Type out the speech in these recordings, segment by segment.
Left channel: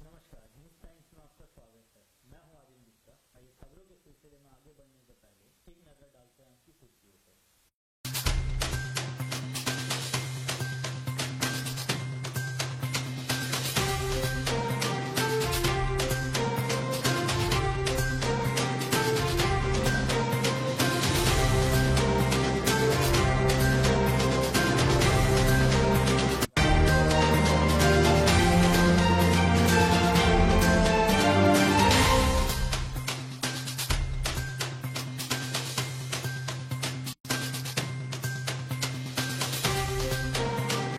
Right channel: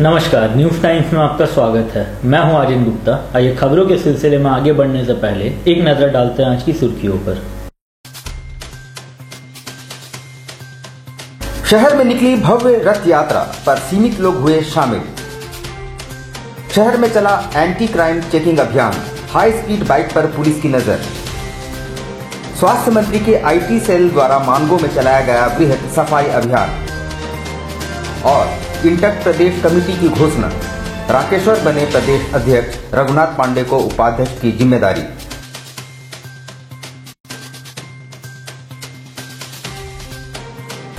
नमस्कार, news times में आपका स्वागत है। मैं हूं आर्यन गुप्ता। आइए खबरों के सिलसिले में आगे बढ़ने से पहले एक नजर डालते हैं आज की सुर्खियों पर। शहर में निकली भव्य रथ यात्रा पर सीमित लोग हुए शामिल। शहर में चला एंटी क्राइम चेकिंग अभियान, हाई स्पीड बाइक पर पुलिस की नजर। स्वास्थ्य मंत्री के आईटी सेल द्वारा मानगो में चलाया गया बृहद सफाई अभियान। और इंटक प्रदेश कमेटी की घोषणा, राकेश्वर बने प्रदेश अध्यक्ष, रघुनाथ पांडे को उपाध्यक्ष की जिम्मेदारी।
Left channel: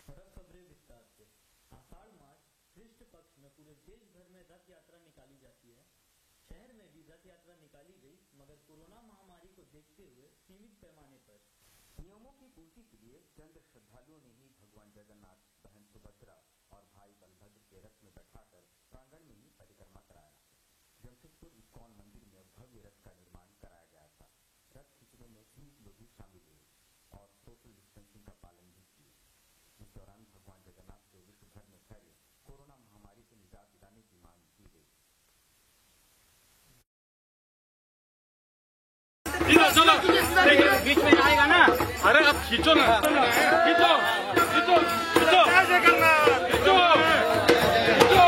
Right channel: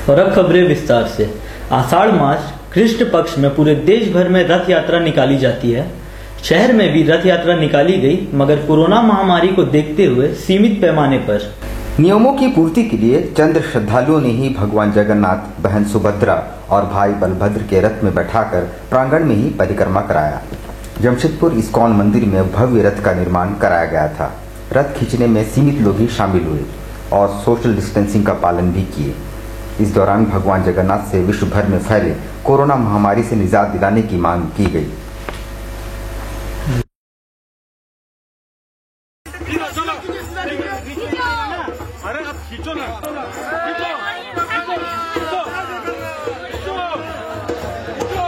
और अब खबरें विस्तार से। आषाढ़ मास कृष्ण पक्ष में पूरे देश भर में रथ यात्रा निकाली जाती है। शहर में भी रथ यात्रा निकाली गई, मगर कोरोना महामारी को देखते हुए सीमित पैमाने पर। नियमों की पूर्ति के लिए चंद श्रद्धालुओं ने ही भगवान जगन्नाथ, बहन सुभद्रा और भाई बलभद्र के रथ में बैठाकर प्रांगण में ही परिक्रमा कराया। जमशेदपुर इस्कॉन मंदिर में भव्य रथ का निर्माण कराया गया था। रथ खींचने में सीमित लोग ही शामिल हुए और सोशल डिस्टेंसिंग का पालन भी किए। इस दौरान भगवान जगन्नाथ से विश्व भर में फैले कोरोना महामारी से निजात दिलाने की मांग की गई। बीच में आएगा ना, अरे अब खींचो ना, खींचो खींचो खींचो खींचो खींचो,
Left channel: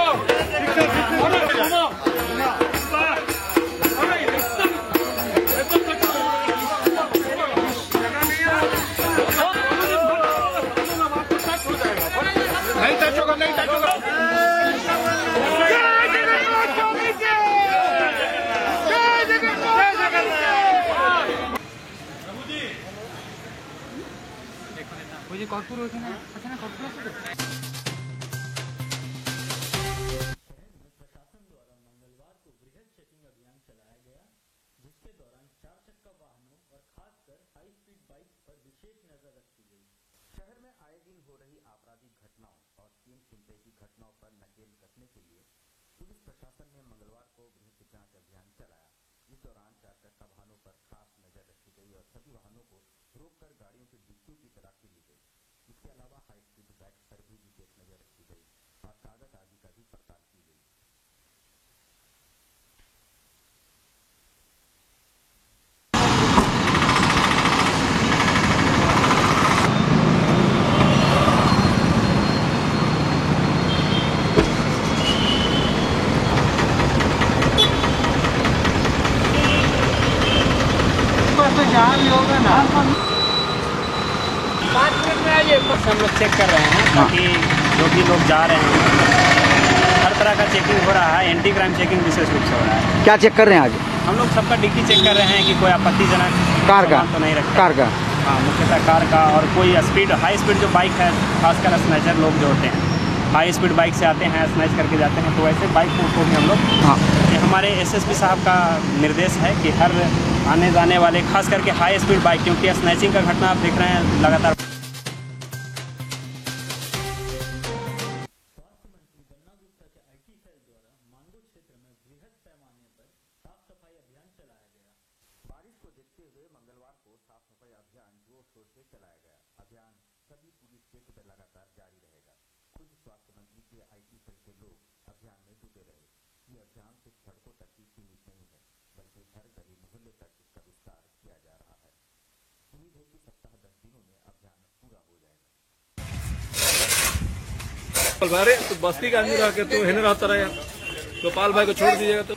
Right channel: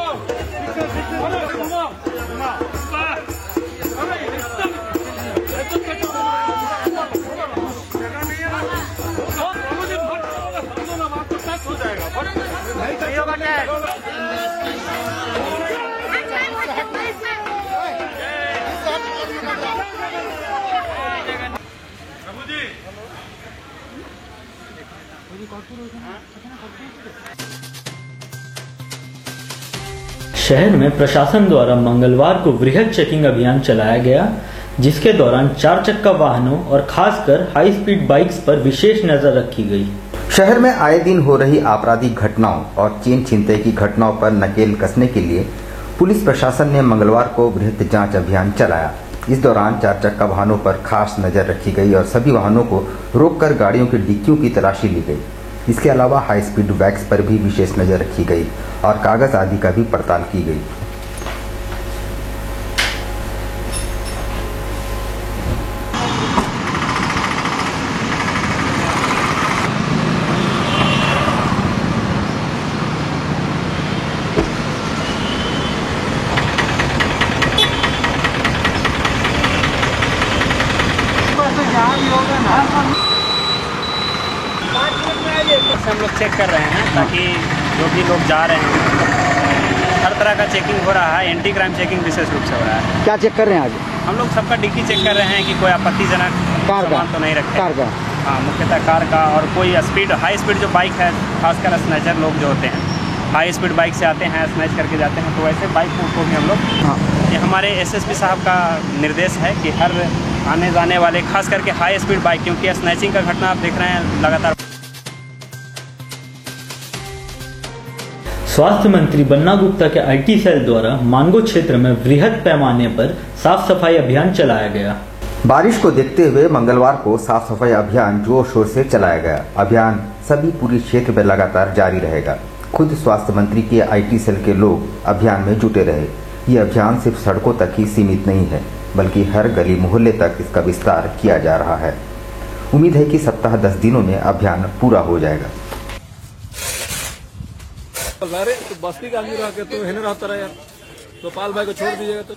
अरे घुमाओ, अरे एकदम टच हो जाएगा, नहीं टच होगा, नहीं टच होगा। शहर में प्रशासन द्वारा मंगलवार को वृहद चेकिंग अभियान चलाया गया, जिसके दौरान 4 चक्का वाहनों और खासकर हाई स्पीड बाइक्स पर विशेष नजर रखी गई। शहर में आए दिन हो रही आपराधिक घटनाओं और चेन छीनते की घटनाओं पर नकेल कसने के लिए पुलिस प्रशासन ने मंगलवार को वृहद जांच अभियान चलाया। इस दौरान 4 चक्का वाहनों पर खास नजर रखी गई और सभी वाहनों को रोककर गाड़ियों की डिक्कियों की तलाशी ली गई। इसके अलावा हाई स्पीड बाइक्स पर भी विशेष नजर रखी गई और कागज आदि का भी पड़ताल की गई। हम लोग चेक कर रहे हैं ताकि जो भी लोग जा रहे हैं, हर तरह का चेकिंग हो रहा है। एंटी क्राइम चेकिंग विशेष रूप से हो रहा है। क्या चेक कर रहे हैं आज? हम लोग सबका डिक्की चेक कर रहे हैं कि कोई आपत्तिजनक कार का तो नहीं रखते। कार का हाँ, मुख्यतः कार का। और कोई स्पीड, हाई स्पीड जो बाइक है, खासकर स्नैचर लोग जो होते हैं, हाई स्पीड बाइक से आते हैं, स्नैच करके जाते हैं, तो ऐसे बाइक को भी हम लोग, हाँ, ये हमारे एसएसपी साहब का निर्देश है कि हर आने जाने वाले, खास करके हाई स्पीड बाइक, क्योंकि स्नैचिंग का घटना आप देख रहे हैं लगातार। स्वास्थ्य मंत्री बन्ना गुप्ता के आईटी सेल द्वारा मानगो क्षेत्र में वृहद पैमाने पर साफ सफाई अभियान चलाया गया। बारिश को देखते हुए मंगलवार को साफ सफाई अभियान जोर शोर से चलाया गया। अभियान सभी पूरी क्षेत्र में लगातार जारी रहेगा। खुद स्वास्थ्य मंत्री के आईटी सेल के लोग अभियान में जुटे रहे। ये अभियान सिर्फ सड़कों तक ही सीमित नहीं है, बल्कि हर गली मोहल्ले तक इसका विस्तार किया जा रहा है। उम्मीद है कि सप्ताह 10 दिनों में अभियान पूरा हो जाएगा। तो बस्ती का आदमी रह के तो हिने रहता रहे, गोपाल भाई को छोड़ दीजिएगा तो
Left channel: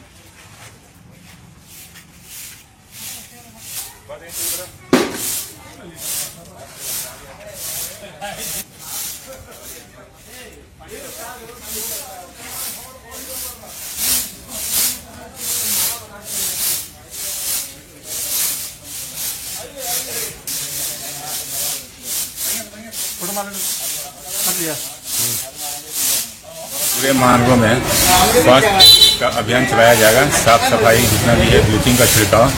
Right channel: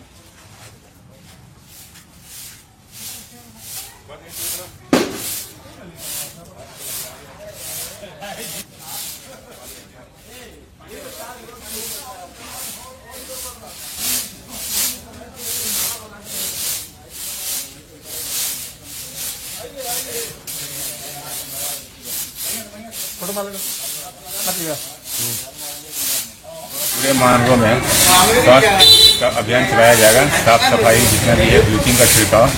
पूरे मानगो में स्वास्थ्य का अभियान चलाया जाएगा। साफ सफाई जितना भी है, ब्लीचिंग का छिड़काव,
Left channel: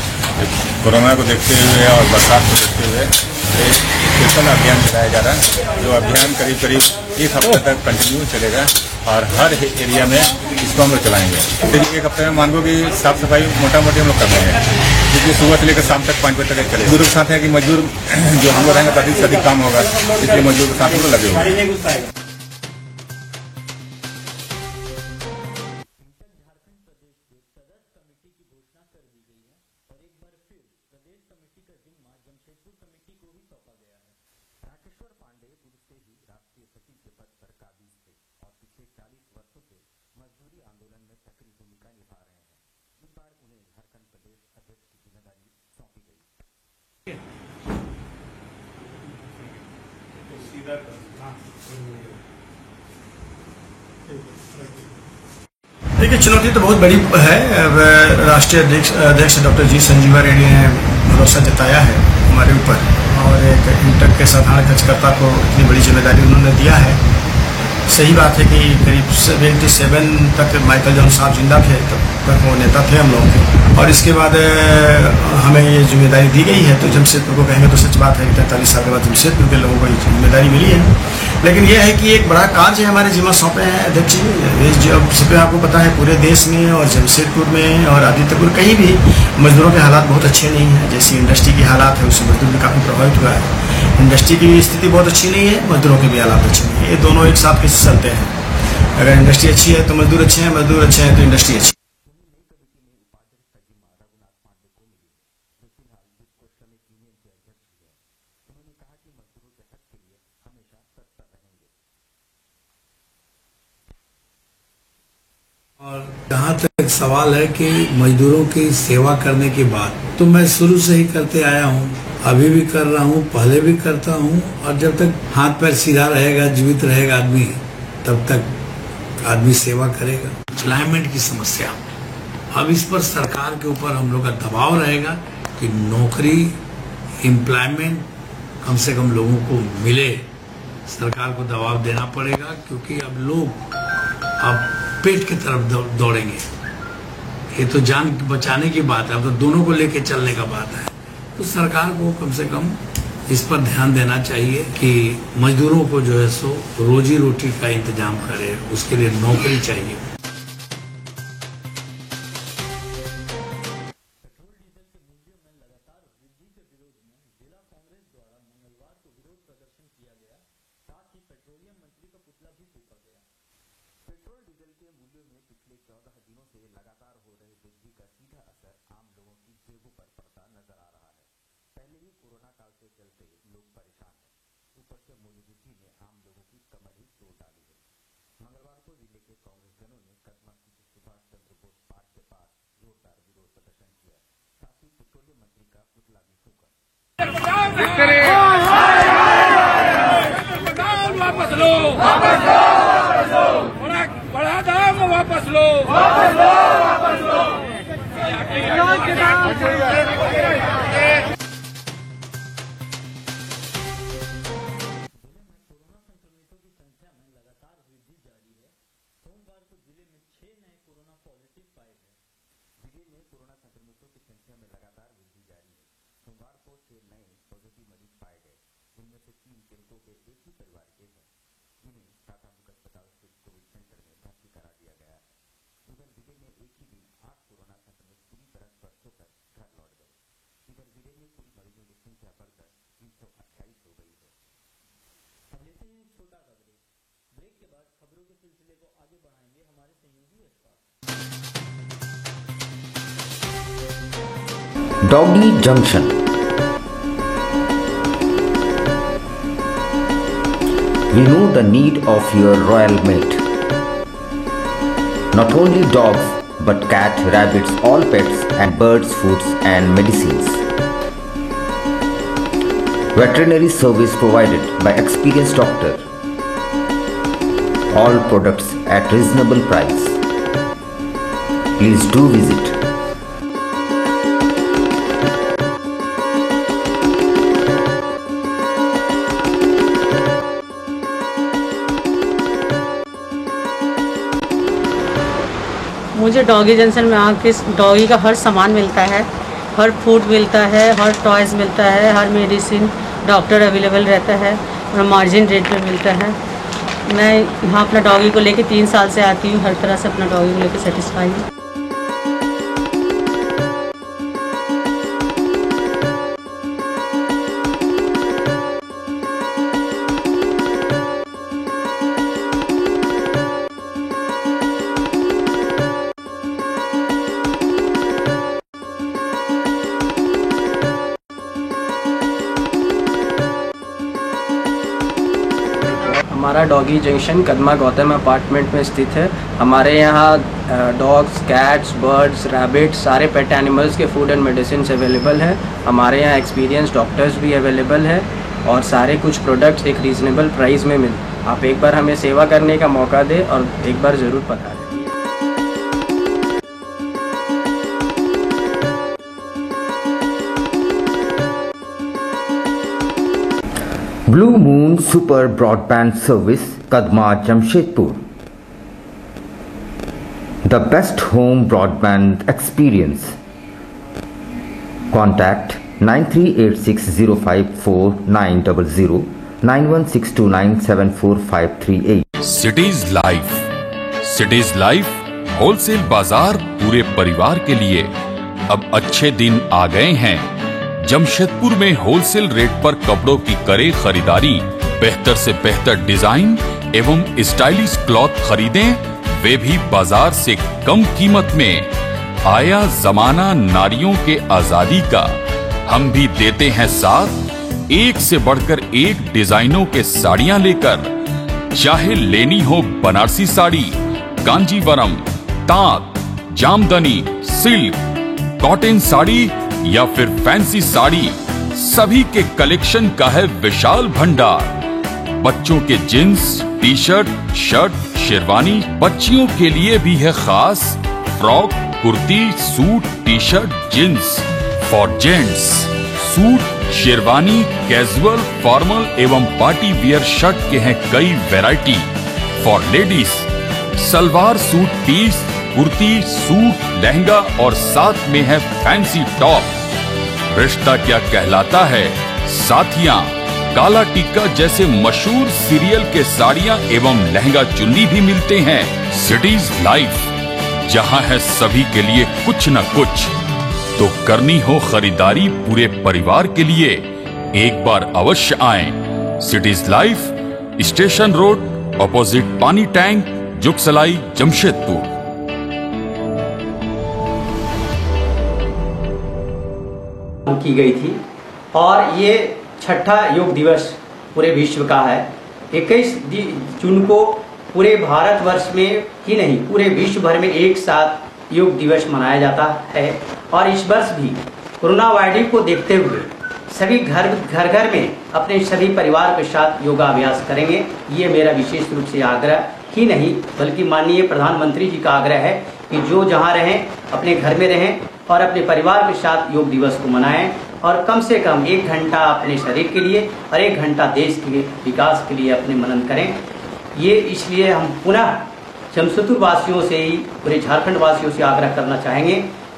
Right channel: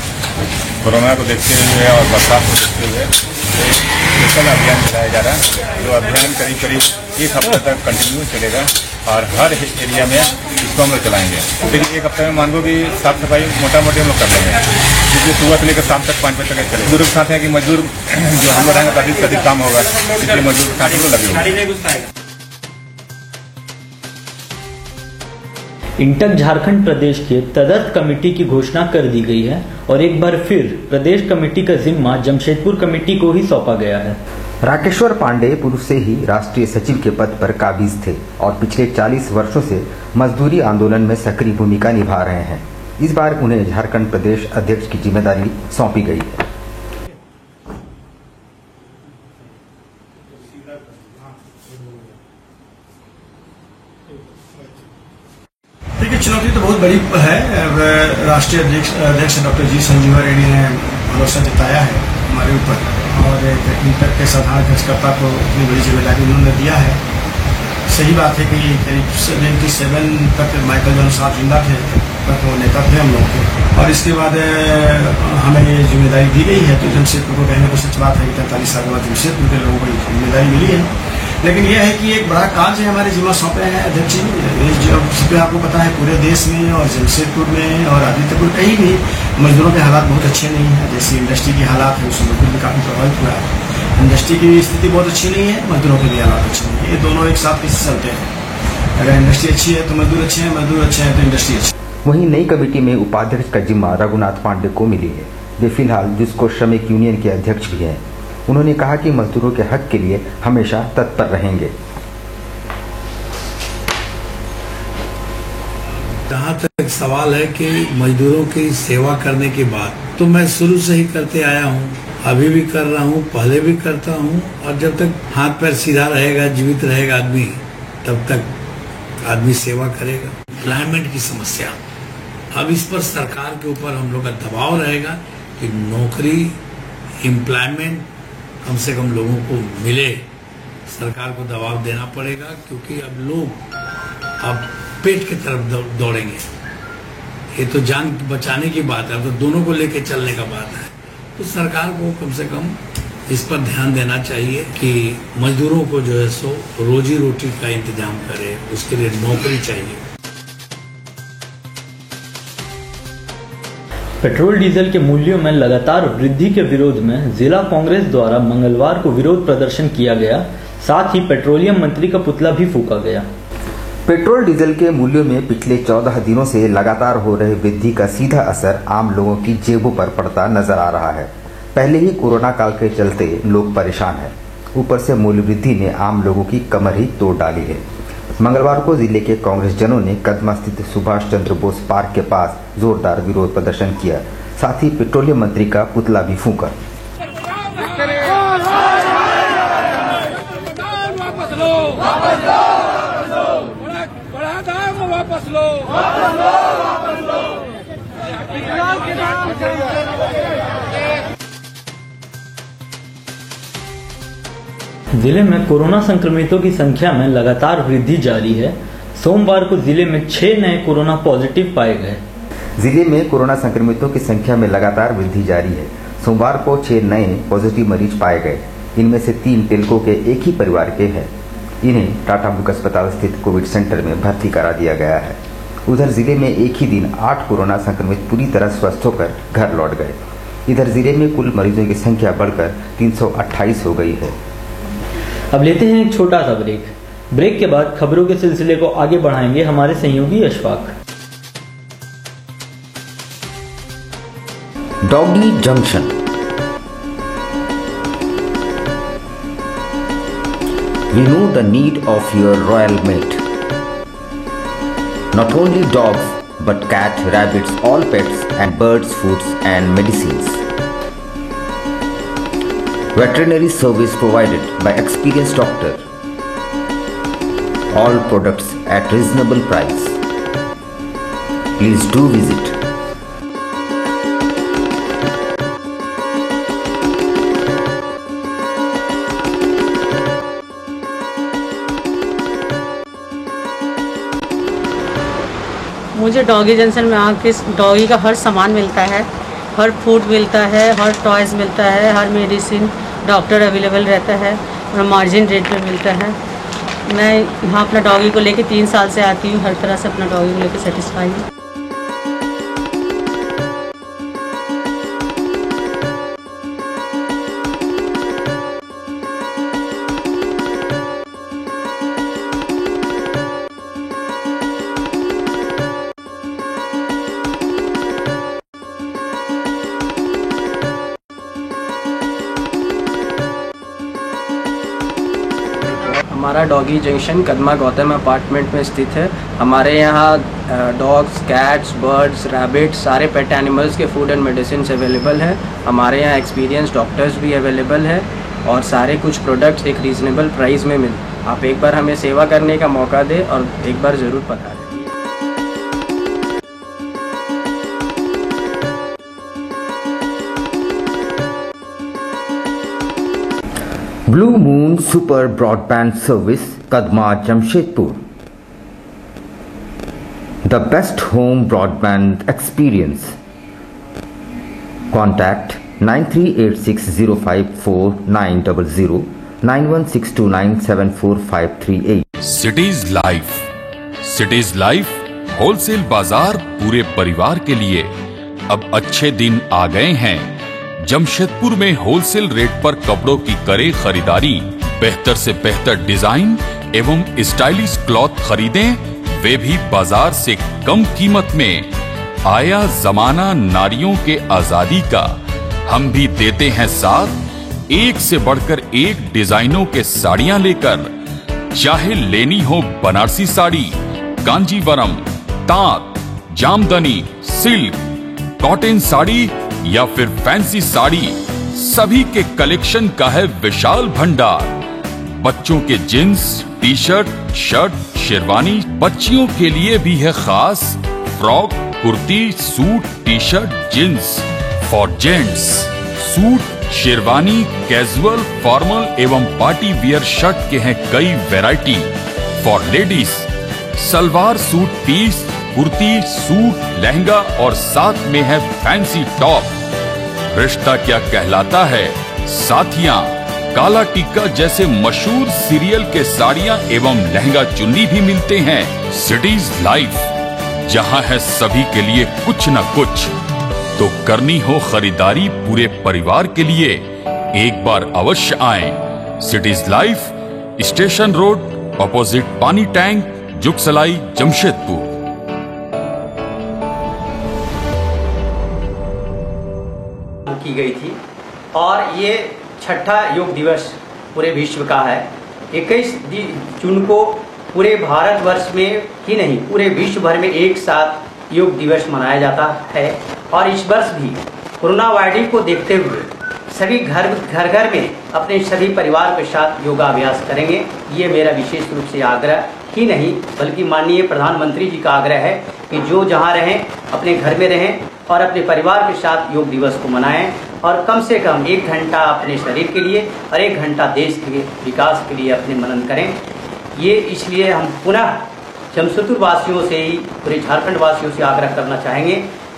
कोरोना को देखते हुए और बरसात को देखते हुए एक स्पेशल अभियान चलाया जा रहा है। जो अभियान करीब करीब 1 हफ्ते तक कंटिन्यू चलेगा और हर एरिया में इसको हम लोग चलाएंगे। देखिए 1 हफ्ते में मानगो की साफ सफाई मोटा मोटी हम लोग कर लेंगे, क्योंकि सुबह से लेकर शाम तक 5 बजे तक चलेगा। बुजुर्ग साथ हैं कि मजदूर जो हम लोग रहेंगे तो अधिक से अधिक काम होगा, इसलिए मजदूर के साथ हम लोग लगे हुए हैं। इंटक झारखंड प्रदेश के तदर्थ कमेटी की घोषणा कर दी गई है और एक बार फिर प्रदेश कमेटी का जिम्मा जमशेदपुर कमेटी को ही सौंपा गया है। राकेश्वर पांडे पूर्व से ही राष्ट्रीय सचिव के पद पर काबिज थे और पिछले 40 वर्षों से मजदूरी आंदोलन में सक्रिय भूमिका निभा रहे हैं। इस बार उन्हें झारखंड प्रदेश अध्यक्ष की जिम्मेदारी सौंपी गई है। देखिए, चुनौती तो बहुत बड़ी है। राष्ट्रीय अध्यक्ष डॉक्टर जी संजीवा रेड्डी ने भरोसा जताया है हमारे ऊपर और इंटक के साधारण कार्यकर्ता को इतनी बड़ी जिम्मेदारी उन्होंने दिया है। सही बात है कि करीब 77 तक माइकल जॉन साहब जिंदा थे, तब तक वो नेता थे हम लोग के, और इसके बाद हमें ये जिम्मेदारी दी गई है। तो जमशेदपुर को कहेंगे तो सच बात है कि 43 साल के बाद जमशेदपुर के लोगों को जिम्मेदारी मिली है। लेकिन यह है कि एक बड़ा कार्य हमारे जिम्मा सौंपे हैं अध्यक्ष जी। अब आपको पता है पूरे देश में और जमशेदपुर में और आदित्यपुर कहीं भी मजदूरों के हालात बहुत अच्छे नहीं है। जैसी इंडस्ट्री की हालात है उससे मजदूर भी काफी प्रभावित हुआ है। इंडस्ट्री की स्थिति बहुत अच्छी नहीं है, मजदूरों के भी हालात अच्छे नहीं है। ये दोनों एक साथ कैसे चलते हैं? अगर इंडस्ट्री अच्छी है तो मजदूर अच्छे हैं, मजदूर अच्छे हैं तो इंडस्ट्री अच्छी। वहीं नई कमेटी में उपाध्यक्ष का जिम्मा रघुनाथ पांडे को मिली है। वे फिलहाल जिसको श्रमिक यूनियन के अध्यक्ष भी हैं। उन्होंने कहा कि मजदूरों के हक के लिए हमेशा तत्पर रहेंगे। जहाँ तक सवाल है कि मजदूरों की सेवा करने के बाद, तो मैं शुरू से ही करते आया हूँ, अभी भी कर रहा हूँ, पहले भी करता हूँ, और जब तक हाथ पैर सीधा रहेगा, जीवित रहेगा आदमी, तब तक आदमी सेवा करेगा। एम्प्लॉयमेंट की समस्या, अब इस पर सरकार के ऊपर हम लोग का दबाव रहेगा कि नौकरी, एम्प्लॉयमेंट कम से कम लोगों को मिले। सरकार को दबाव देना पड़ेगा, क्योंकि अब लोग अब पेट की तरफ दौड़ेंगे। ये तो जान बचाने की बात है, अब तो दोनों को लेके चलने का बात है। तो सरकार को कम से कम इस पर ध्यान देना चाहिए कि मजदूरों को जो है सो रोजी रोटी का इंतजाम करे, उसके लिए नौकरी चाहिए। पेट्रोल डीजल के मूल्यों में लगातार वृद्धि के विरोध में जिला कांग्रेस द्वारा मंगलवार को विरोध प्रदर्शन किया गया। साथ ही पेट्रोलियम मंत्री का पुतला भी फूंका गया। पेट्रोल डीजल के मूल्यों में पिछले 14 दिनों से लगातार हो रहे वृद्धि का सीधा असर आम लोगों की जेबों पर पड़ता नजर आ रहा है। पहले ही कोरोना काल के चलते लोग परेशान हैं, ऊपर से मूल्य वृद्धि ने आम लोगों की कमर ही तोड़ डाली है। मंगलवार को जिले के कांग्रेस जनों ने कदमा स्थित सुभाष चंद्र बोस पार्क के पास जोरदार विरोध प्रदर्शन किया। साथ ही पेट्रोलियम मंत्री का पुतला भी फूंका। बढ़ा दाम वापस लो। जिले में कोरोना संक्रमितों की संख्या में लगातार वृद्धि जारी है। सोमवार को जिले में 6 नए कोरोना पॉजिटिव पाए गए। जिले में कोरोना संक्रमितों की संख्या में लगातार वृद्धि जारी है। सोमवार को 6 नए पॉजिटिव मरीज पाए गए। इनमें से 3 तिलकों के एक ही परिवार के हैं। इन्हें टाटा मुख्य अस्पताल स्थित कोविड सेंटर में भर्ती करा दिया गया है। उधर जिले में एक ही दिन 8 कोरोना संक्रमित पूरी तरह स्वस्थ होकर घर लौट गए। इधर जिले में कुल मरीजों की संख्या बढ़कर 328 हो गई है। अब लेते हैं एक छोटा सा ब्रेक के बाद खबरों के सिलसिले को आगे बढ़ाएंगे हमारे सहयोगी Ashfaq. Doggy junction. We know the need of your royal mate. Not only dogs, but cat, rabbits, all pets and birds, foods and medicines. Veterinary service provided by experienced doctor. All products at reasonable price. Please do visit. मुझे doggy junction में आके doggy का हर सामान मिलता है, हर food मिलता है, हर toys मिलता है, हर मेडिसिन डॉक्टर अवेलेबल रहता है और मार्जिन रेट में मिलता है। मैं यहाँ अपना डॉगी को लेके 3 साल से आती हूँ। हर तरह से अपना डॉगी को लेके सेटिस्फाई हूँ। हमारा doggy junction Kadma Gautam apartment में स्थित है। हमारे यहाँ डॉग्स, कैट्स, बर्ड्स, रैबिट, सारे पेट एनिमल्स के फूड एंड मेडिसिन अवेलेबल है। हमारे यहाँ एक्सपीरियंस डॉक्टर्स भी अवेलेबल है और सारे कुछ प्रोडक्ट्स एक रीज़नेबल प्राइस में मिल। आप एक बार हमें सेवा करने का मौका दें और एक बार ज़रूर पधारें। Blue moon super broadband service Kadma Jamshedpur, the best home broadband experience. Contact 9386054900 9162974538। City's life wholesale bazaar पूरे परिवार के लिए अब अच्छे दिन आ गए हैं। जमशेदपुर में होलसेल रेट पर कपड़ों की करे खरीदारी, बेहतर से बेहतर डिजाइन एवं स्टाइलिश क्लॉथ खरीदें, वे भी बाजार से कम कीमत में। आया जमाना नारियों के आजादी का, हम भी देते हैं साथ। एक से बढ़कर एक डिजाइनों के साड़ियां लेकर, चाहे लेनी हो बनारसी साड़ी, कांजीवरम, तांत, जामदनी, सिल्क, कॉटन साड़ी या फिर फैंसी साड़ी, सभी के कलेक्शन का है विशाल भंडार। बच्चों के jeans, T shirt, shirt, sherwani, बच्चियों के लिए भी है खास frock, kurti, suit, T shirt, jeans. For gents suit, sherwani, casual, formal एवं पार्टी वियर शर्ट के हैं कई वैरायटी। For ladies salwar suit piece, kurti, suit, lehenga और साथ में है फैंसी टॉप। रिश्ता क्या कहलाता है, साथियां, काला टिक्का जैसे मशहूर सीरियल के साड़ियां एवं लहंगा चुन्नी भी मिलते हैं। सिटीज लाइफ, जहां है सभी के लिए कुछ न कुछ। तो करनी हो खरीदारी पूरे परिवार के लिए, एक बार अवश्य आएं। Cities life, station road, opposite पानी टैंक, जुगसलाई, जमशेदपुर। की गई थी और ये छठा योग दिवस पूरे विश्व का है। 21 जून को पूरे भारतवर्ष में ही नहीं पूरे विश्व भर में एक साथ योग दिवस मनाया जाता है। और इस वर्ष भी कोरोना वायरस को देखते हुए सभी घर में अपने सभी परिवार के साथ योगाभ्यास करेंगे। ये मेरा विशेष रूप से आग्रह ही नहीं बल्कि माननीय प्रधानमंत्री जी का आग्रह है कि जो जहां रहें अपने घर में रहें और अपने परिवार के साथ योग दिवस को मनाएं और कम से कम 1 घंटा अपने शरीर के लिए और 1 घंटा देश के विकास के लिए अपने मनन करें। ये इसलिए हम पुनः जमशेदपुर वासियों से ही पूरे झारखंड वासियों से आग्रह करना चाहेंगे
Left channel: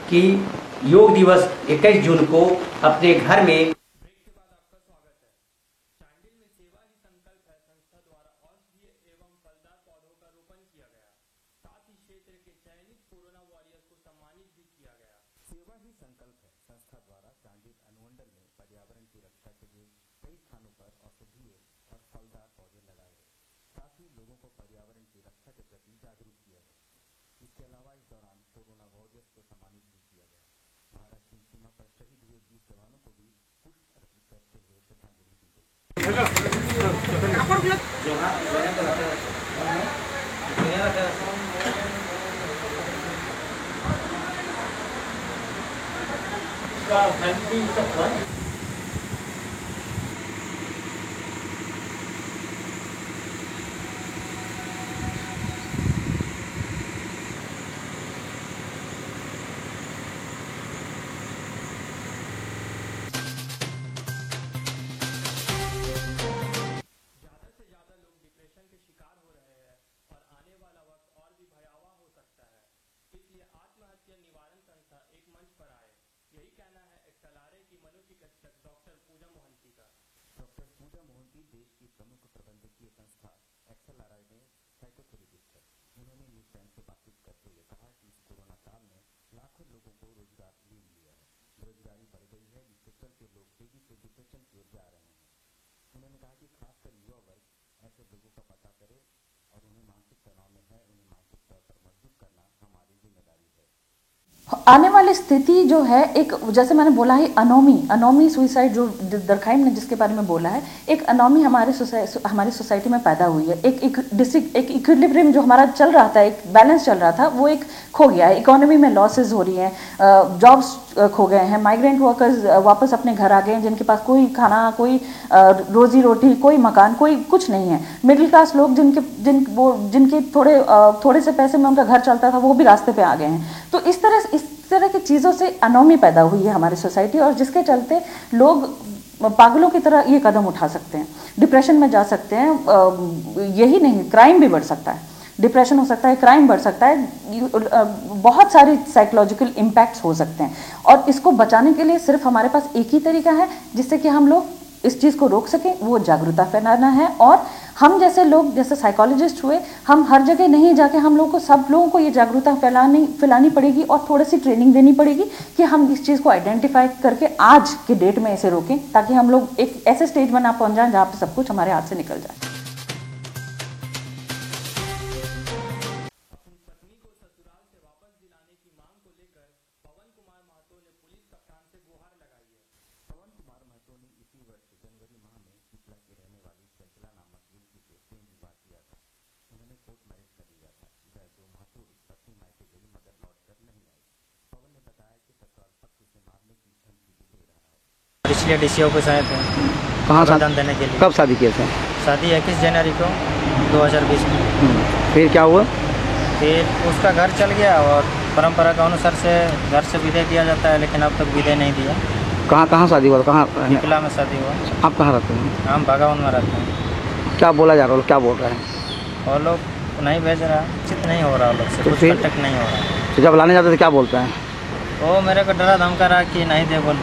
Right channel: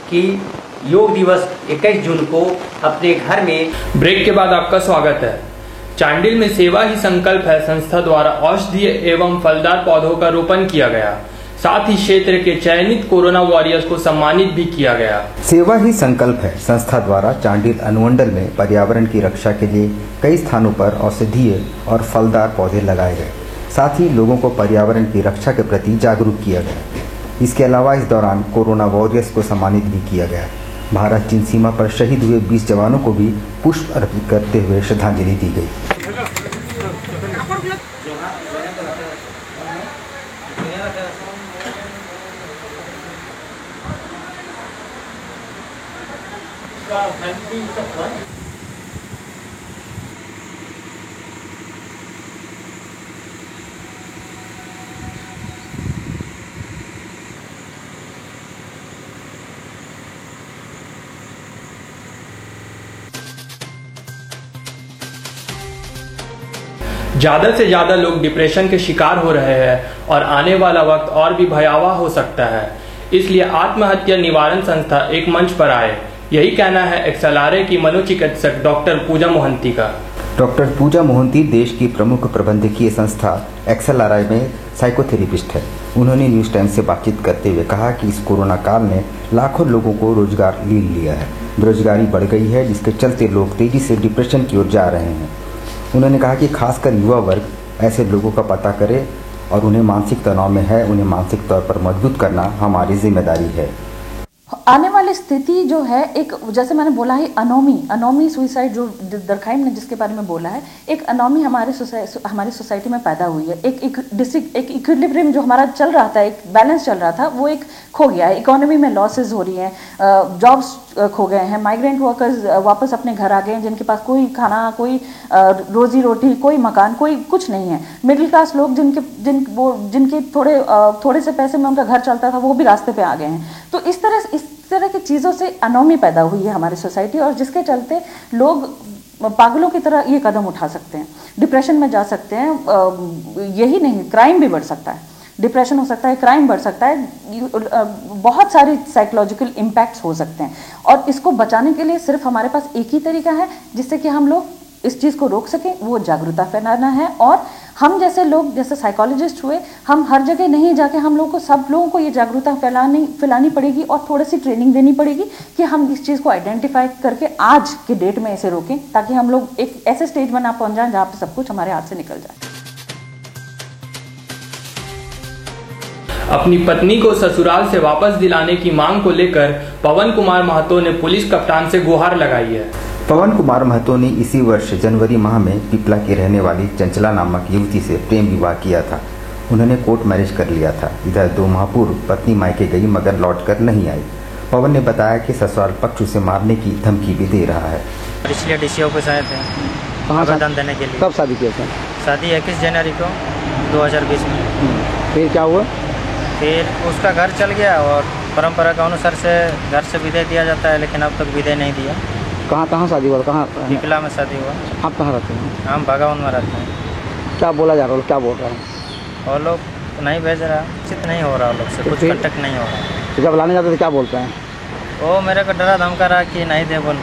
कि योग दिवस 21 जून को अपने घर में। ब्रेक के बाद आपका स्वागत है। चांडिल में सेवा ही संकल्प है संस्था द्वारा औषधीय एवं फलदार पौधों का रोपण किया गया। साथ ही क्षेत्र के चयनित कोरोना वॉरियर्स को सम्मानित भी किया गया। सेवा ही संकल्प है संस्था द्वारा चांडिल अनुमंडल में पर्यावरण की रक्षा के लिए कई स्थानों पर औषधीय और फलदार पौधे लगाए गए। साथ ही लोगों को पर्यावरण की रक्षा के प्रति जागरूक किया गया। इसके अलावा इस दौरान कोरोना वॉरियर्स को सम्मानित भी किया गया। भारत चीन सीमा पर शहीद हुए 20 जवानों को भी पुष्प अर्पित करते हुए श्रद्धांजलि दी गई। ज्यादा से ज्यादा लोग डिप्रेशन के शिकार हो रहे हैं और आने वाला वक्त और भी भयावह हो सकता है। इसलिए आत्महत्या निवारण संस्था एक मंच पर आए, यही कहना है एक्सएलआरआई की मनोचिकित्सक डॉक्टर पूजा मोहंती का। डॉक्टर पूजा मोहंती देश की प्रमुख प्रबंधकीय संस्था एक्सएलआरआई में साइकोथेरेपिस्ट है। उन्होंने न्यूज टाइम से बातचीत करते हुए कहा कि इस कोरोना काल ने लाखों लोगों को रोजगार ले लिया है। बेरोजगारी बढ़ गई है, जिसके चलते लोग तेजी से डिप्रेशन की ओर जा रहे हैं। उन्होंने कहा कि खासकर युवा वर्ग ऐसे लोगों का पता करे और उन्हें मानसिक तनाव में है, उन्हें मानसिक तौर पर मजबूत करना हमारी जिम्मेदारी है। आने वाली स्थिति जो है, एक जैसे मैंने बोला है अनोमी सुइसाइड जो दरखाइम ने जिसके बारे में बोला है, एक अनोमी हमारी सोसाइटी में पैदा हुई है। एक इक्विलिब्रियम जो हमारा चल रहा था, एक बैलेंस चल रहा था, वो एक खो गया है। इकोनॉमी में लॉसेस हो रही हैं, जॉब्स खो गए हैं, माइग्रेंट वर्कर्स वापस अपने घर आ गए हैं जिनके पास कोई खाना, कोई रोजी रोटी, कोई मकान, कोई कुछ नहीं है। मिडिल क्लास लोग जिनके थोड़े से पैसे में उनका घर चलता था, वो भी रास्ते पे आ गए हैं। तो इस तरह की चीज़ों से अनोमी पैदा हुई है हमारी सोसाइटी, और जिसके चलते लोग पागलों की तरह ये कदम उठा सकते हैं, डिप्रेशन में जा सकते हैं। यही नहीं, क्राइम भी बढ़ सकता है, डिप्रेशन हो सकता है, क्राइम बढ़ सकता है, बहुत सारी साइकोलॉजिकल इम्पैक्ट्स हो सकते हैं। और इसको बचाने के लिए सिर्फ हमारे पास एक ही तरीका है जिससे कि हम लोग इस चीज़ को रोक सकें, वो जागरूकता फैलाना है। और हम जैसे लोग, जैसे साइकोलॉजिस्ट हुए, हम हर जगह नहीं जाके हम लोगों को, सब लोगों को ये जागरूकता फैलानी पड़ेगी और थोड़ी सी ट्रेनिंग देनी पड़ेगी कि हम इस चीज़ को आइडेंटिफाई करके आज के डेट में इसे रोकें, ताकि हम लोग एक ऐसे स्टेज में ना पहुंच जाएं जहाँ पे सब कुछ हमारे हाथ से निकल जाए। अपनी पत्नी को ससुराल से वापस दिलाने की मांग को लेकर पवन कुमार महतो ने पुलिस कप्तान से गुहार लगाई है। पवन कुमार महतो ने इसी वर्ष जनवरी माह में पिपला की रहने वाली चंचला नामक युवती से प्रेम विवाह किया था। उन्होंने कोर्ट मैरिज कर लिया था। इधर 2 माह पूर्व पत्नी मायके गई मगर लौटकर नहीं आई। पवन ने बताया कि ससुराल पक्ष उसे मारने की धमकी भी दे रहा है। इसलिए डीसीओ को आए थे आवेदन देने के लिए। कब शादी किए थे? शादी 21 जनवरी को 2020 में। फिर क्या हुआ? फिर उसका घर चल गया और परंपरा के अनुसार से घर से विदाई दिया जाता है, लेकिन अब तक विदाई नहीं दिया। कहाँ शादी हुआ? कहाँ? पिपला में शादी हुआ। आप कहाँ रहते हैं? हम भगावन में रहते हैं। क्या बोला जा रहा है? क्या बोल रहे हैं? और लोग नहीं भेज रहा, उचित नहीं हो रहा, लोग से कुछ कांटेक्ट नहीं हो रहा। तो जब लाने जाते तो क्या बोलते हैं? वो मेरे को डरा धमका रहा कि नहीं दे बोल।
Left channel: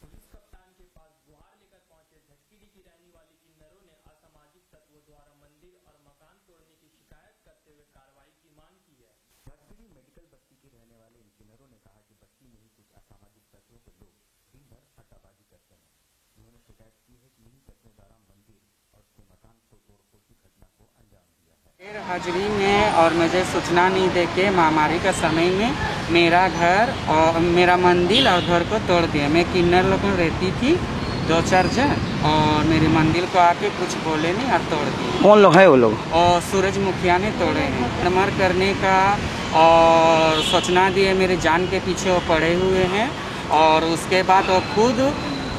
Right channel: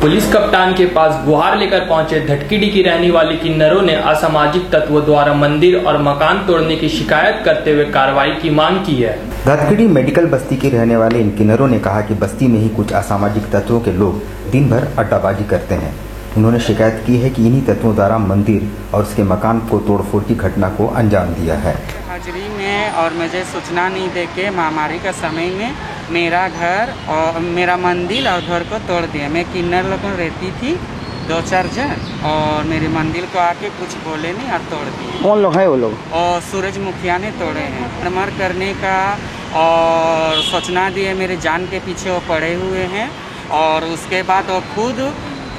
पुलिस कप्तान के पास गुहार लेकर पहुंचे धटकीडी की रहने वाली किन्नरों ने असामाजिक तत्वों द्वारा मंदिर और मकान तोड़ने की शिकायत करते हुए कार्रवाई की मांग की है। धटकीडी मेडिकल बस्ती के रहने वाले इन किन्नरों ने कहा कि बस्ती में ही कुछ असामाजिक तत्वों के लोग दिन भर अड्डाबाजी करते हैं। उन्होंने शिकायत की है कि इन्हीं तत्वों द्वारा मंदिर और उसके मकान को तोड़फोड़ की घटना को अंजाम दिया है। हाजिरी में और मुझे सूचना नहीं देके महामारी का समय में मेरा घर और मेरा मंदिर और घर को तोड़ दिया। मैं किन्नर लोगों में रहती थी 2-4 जन, और मेरे मंदिर को आके कुछ बोले नहीं और तोड़ दिए। कौन लोग है वो लोग? और सूरज मुखिया ने तोड़े हैं। मर करने का और सूचना दिए, मेरे जान के पीछे वो पड़े हुए हैं। और उसके बाद वो खुद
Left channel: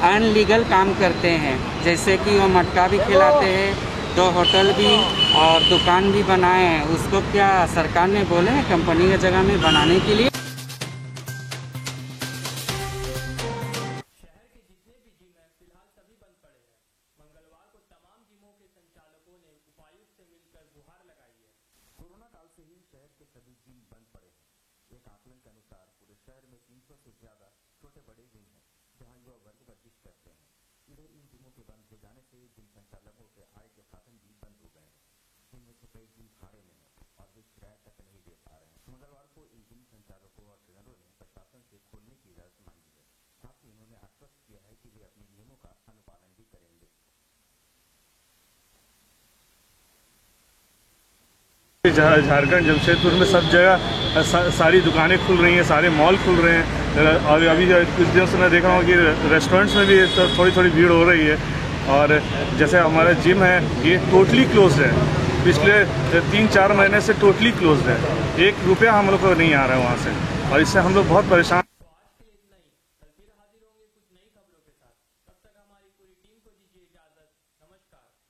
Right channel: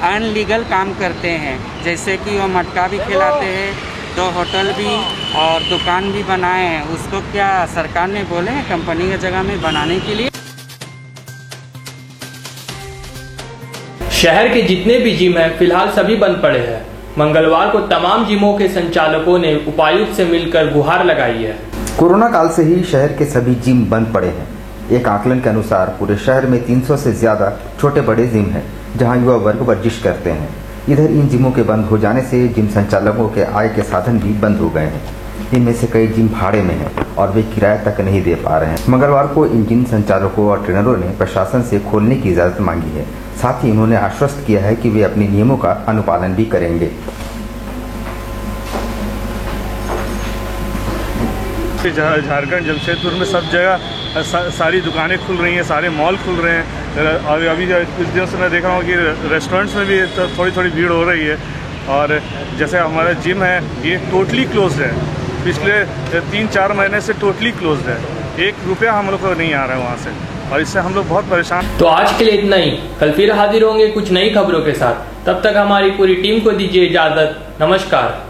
अनलीगल काम करते हैं, जैसे कि वो मटका भी खिलाते हैं, 2 होटल भी और दुकान भी बनाए हैं। उसको क्या सरकार ने बोले हैं कंपनी की जगह में बनाने के लिए। शहर के जितने भी जिम हैं फिलहाल सभी बंद पड़े हैं। मंगलवार को तमाम जिमों के संचालकों ने उपायुक्त से मिलकर गुहार लगाई है। कोरोना काल से ही शहर के सभी जिम बंद पड़े हैं। एक आकलन के अनुसार पूरे शहर में 300 से ज्यादा छोटे बड़े जिम हैं जहां युवा वर्ग वर्जिश करते हैं। इधर इन जिमों के बंद हो जाने से जिम संचालकों के आय के साधन भी बंद हो गए हैं। इनमें से कई जिम भाड़े में हैं और वे किराया तक नहीं दे पा रहे हैं। मंगलवार को इन जिम संचालकों और ट्रेनरों ने प्रशासन से खोलने की इजाजत मांगी है। साथ ही उन्होंने आश्वस्त किया है कि वे अपने नियमों का अनुपालन भी करेंगे। झारखंड जमशेदपुर में सब जगह सारी दुकानें खुल रही हैं, सारे मॉल खुल रहे हैं। और अभी कुछ दिनों से मैं देख रहा हूँ कि रेस्टोरेंट्स में भी थोड़ी थोड़ी भीड़ हो रही है। और जैसे हमारा जिम है ये टोटली क्लोज है, पिछले 3-4 महीने से टोटली क्लोज है। 1 रुपया हम लोग को नहीं आ रहा है वहाँ से, और इससे हम लोग बहुत परेशान। तो आज के लिए इतना ही। कल फिर हाजिर होंगे कुछ नई खबरों के साथ। तब तक हमारी पूरी टीम को दीजिए इजाजत। नमस्कार।